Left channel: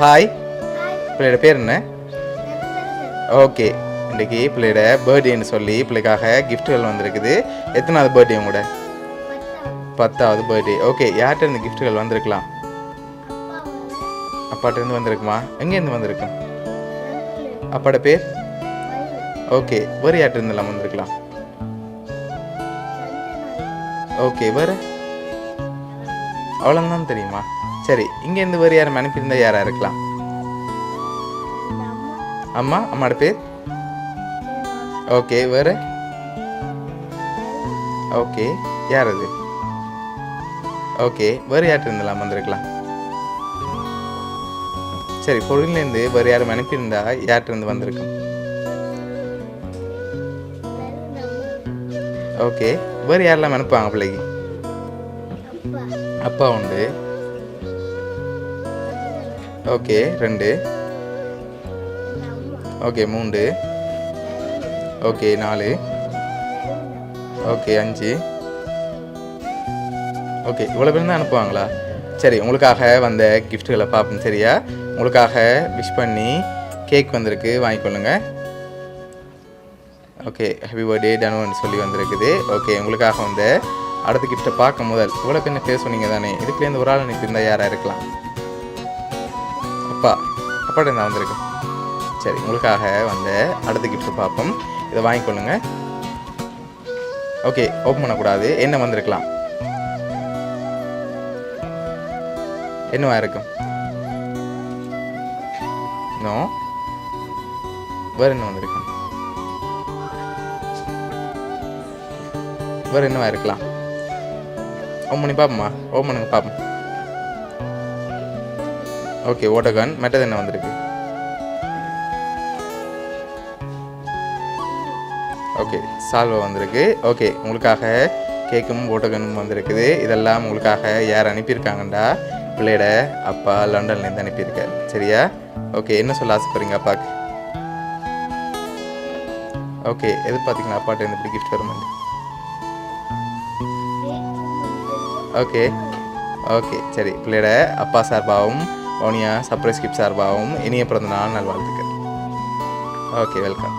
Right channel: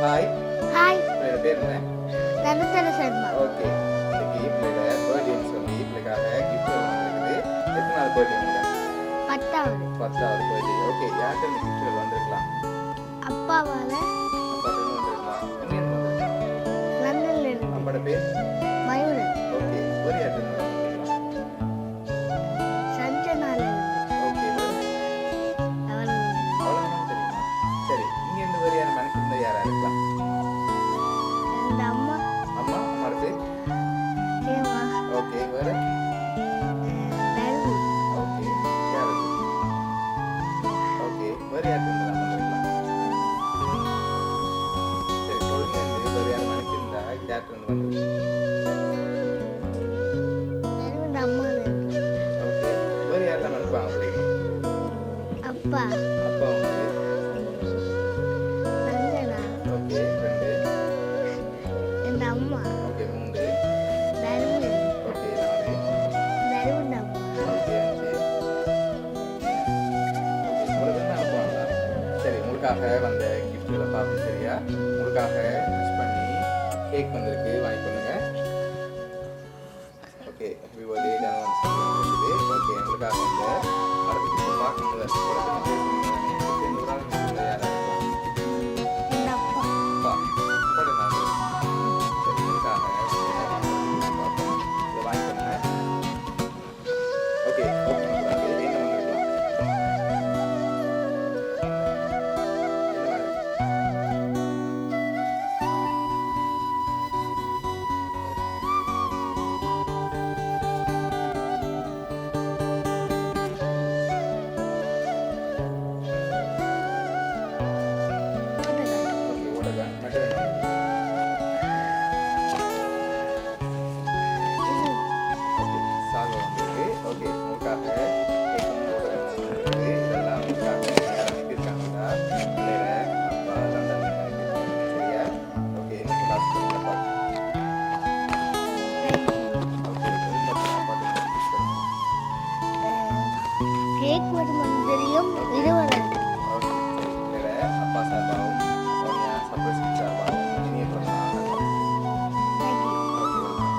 Hi, hi. பிள்ளையோட பேர் என்ன? தனுஷன் சர்மா. ஓகே, இன்றைக்கி பிள்ளையோட பர்த்டேன்னு சொல்லி பிள்ளைக்காக கிஃப்ட்டுகள் வந்திருக்குது. எத்தனாவது பர்த்டே உங்களோட? 10வது பர்த்டே. ஓகே, யார்கிட்ட இருந்து கிஃப்ட்டுகள் வந்திருக்கலாம்? அப்பாவால அப்பாட்ட இருந்து வந்திருக்குமா? எங்கேருந்து வந்திருக்கு? மண்ணில் அப்பாட பேர்? மயில் ஓகே, வேறு யார்கிட்ட இருந்தெல்லாம் வந்திருக்கலாம்? சஞ்சனால ஓகே, வேறு அவள் அவ்வளோதான் தெரியுமா? சரி, இங்கேருந்து வேறு யாரும் அனுப்பியிருந்தா யாராக இருக்கலாம்? இந்த அம்மா அம்மா, அம்மாட பேர்? தேவா ஓகே, வேறு? ஓகே, யார் அது? ஓகே, வேறு யார்கிட்ட இருந்தெல்லாம் வந்திருக்கலாம்? சரி, பொருள்லேருந்து வேறு யாரும் அனுப்பியிருந்தா யார்கிட்ட இருந்து வந்திருக்கும்? ஓகே, வேறு யாரெல்லாம் அனுப்புவாங்க பிள்ளைக்கு? அப்பா அப்பா உண்டு. சஞ்சனா ஓகே, 2. இந்த அம்மா ஓகே, 3. நந்து ஓகே, 4. நெருந்தம் ஓகே, 5. ஓகே, இவ்வளோ பேர் தான் அனுப்புவாங்களா? சரி, உங்களுக்காக வந்த கிஃப்ட்டுகளை பார்ப்போம். சரியா? உங்களுக்காக விஷ் பண்ணி கேக் வந்திருக்கு, வாங்கிக்கொள்ளுங்க. ஓகே, ஹாப்பி பர்த்டே தனுன்னு சொல்லி வந்திருக்குது. ஓகே, உங்களுக்காக வந்த அடுத்த கிஃப்ட்டை பார்க்கும் முதல் இவ்வளோ பேர் பேர் சொன்னீங்க தானே, இதுக்குலேருந்து ஒரு ஆள் அனுப்பியிருந்தா யாராக இருக்கலாம்? அப்பா, அப்பாட்ட நான் வந்திருக்கு. சரி, உங்களுக்காக வந்த அடுத்த கிஃப்ட்டை பார்ப்போம். இதை வாங்கிக்கொள்ளுங்க. ஓகே, ஓப்பன் பண்ணக்கூடாது. என்ன வந்திருக்கலாம்? என்னவா இருக்கும்? நோ, வேறு என்ன வந்திருக்கு? வேறு என்னவா இருக்கலாம்? ஓப்பன் பண்ணி பார்ப்போமா? ஓப்பன் பண்ணி பார்ப்போம். ஓகே, ஓட்டகன். மற்றது என்ன வந்திருக்கு? ஓகே, சால்வை வந்திருக்கு. ஓகே, உங்களுக்காக கேக்கும் ஓட்டகனும் வந்திருக்குது. இதெல்லாம் உங்களுக்காக யார் அனுப்பியிருக்காங்கண்டா பிள்ளையோட அப்பா லண்டன்லேருந்து அனுப்பியிருக்காரு. சரியா? ஓகே, என்ன சொல்ல ஆசைப்படுறீங்க அப்பாவுக்கு? ஓகே, எதிர்பார்த்தீங்களா அப்பாட்ட எனக்கு கிஃப்ட் வரும்? கேக் தெரியும் ஓகே ஓகே, சரி, பிள்ளையோட அப்பா சார்பாகவும் ஓனியா சர்ப்ரைஸ் கிஃப்ட் சார்பாகவும் இனிய பிறந்த நாள் நல்வாழ்த்துக்கள். Okay, welcome.